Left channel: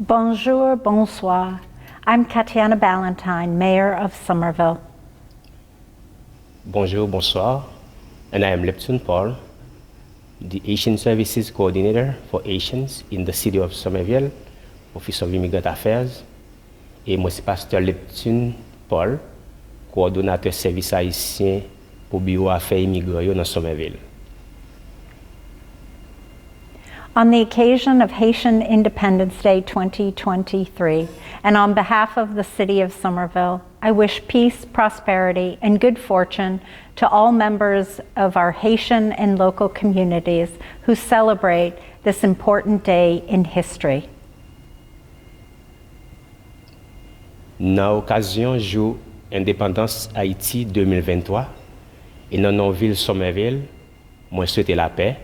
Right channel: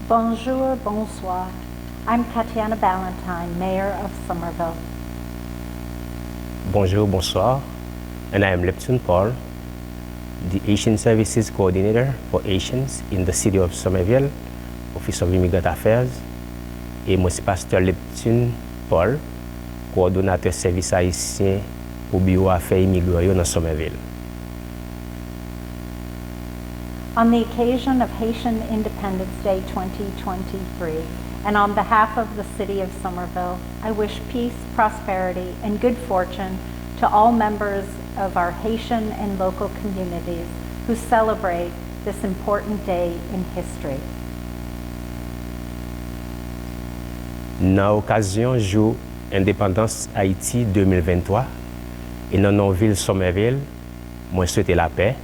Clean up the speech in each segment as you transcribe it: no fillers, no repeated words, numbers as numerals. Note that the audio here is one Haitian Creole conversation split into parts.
Bonjour, bonsoir. I'm Katjana Ballantyne, Mayor of Somerville. Bonjour, bonsoir. And I am Leptune Paul, the Haitian Services Coordinator for Haitians in the city of Somerville, Office of Immigrants Affairs. Et moi, c'est Pastè Leptune Paul, coordonnateur service haïtien au bureau affaires immigrants dans Somerville. On the occasion of Haitian Independence Day 2023, and on behalf of the City of Somerville, I wish peace, prosperity, and good fortune to all members of our Haitian and local communities who celebrate this important day in history. Dans l'occasion jour indépendance Haïti 2023, et dans nos villes Somerville, moi souhaite la paix,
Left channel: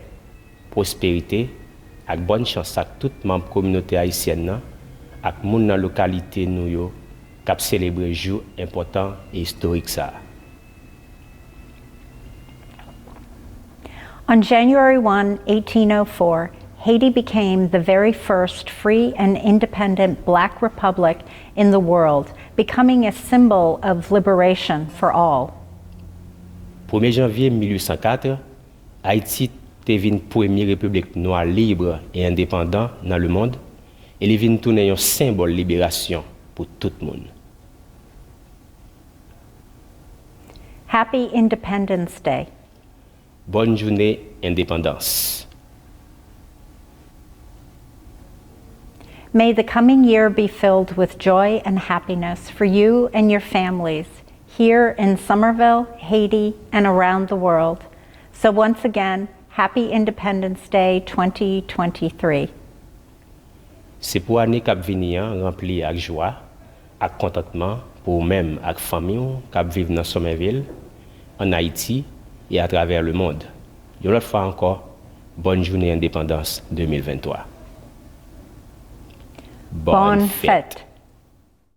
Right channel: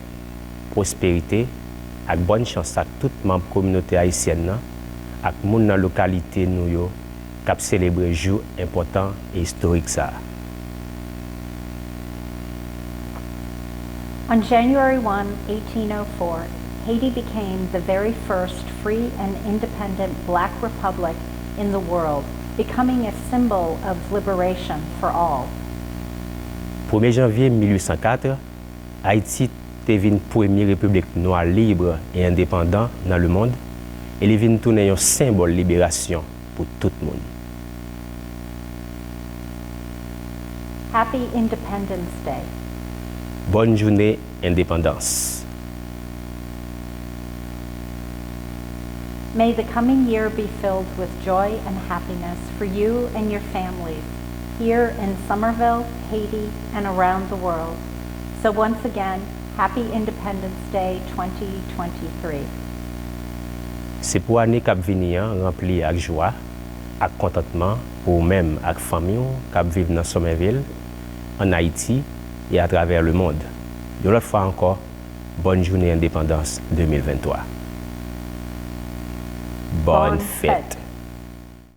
prospérité, ak bonne chance à tout membre communauté haïtienne ak moun dans localité nou yo k'ap célébrer jour important et historique ça. On January 1, 1804, Haiti became the very first free and independent Black republic in the world, becoming a symbol of liberation for all. 1er janvier 1804, Haïti devint première république noire libre et indépendante dans le monde et il vient tourner un symbole de libération pour tout le monde. Happy Independence Day. Bonne journée indépendance. May the coming year be filled with joy and happiness for you and your families here in Somerville, Haiti, and around the world. So once again, Happy Independence Day 2023. C'est pour année qui venir rempli avec joie, avec contentement pour même avec famille qui vivent dans Somerville, en Haïti et à travers le monde. Une autre fois encore, bonne journée indépendance 2023. Bonne fête.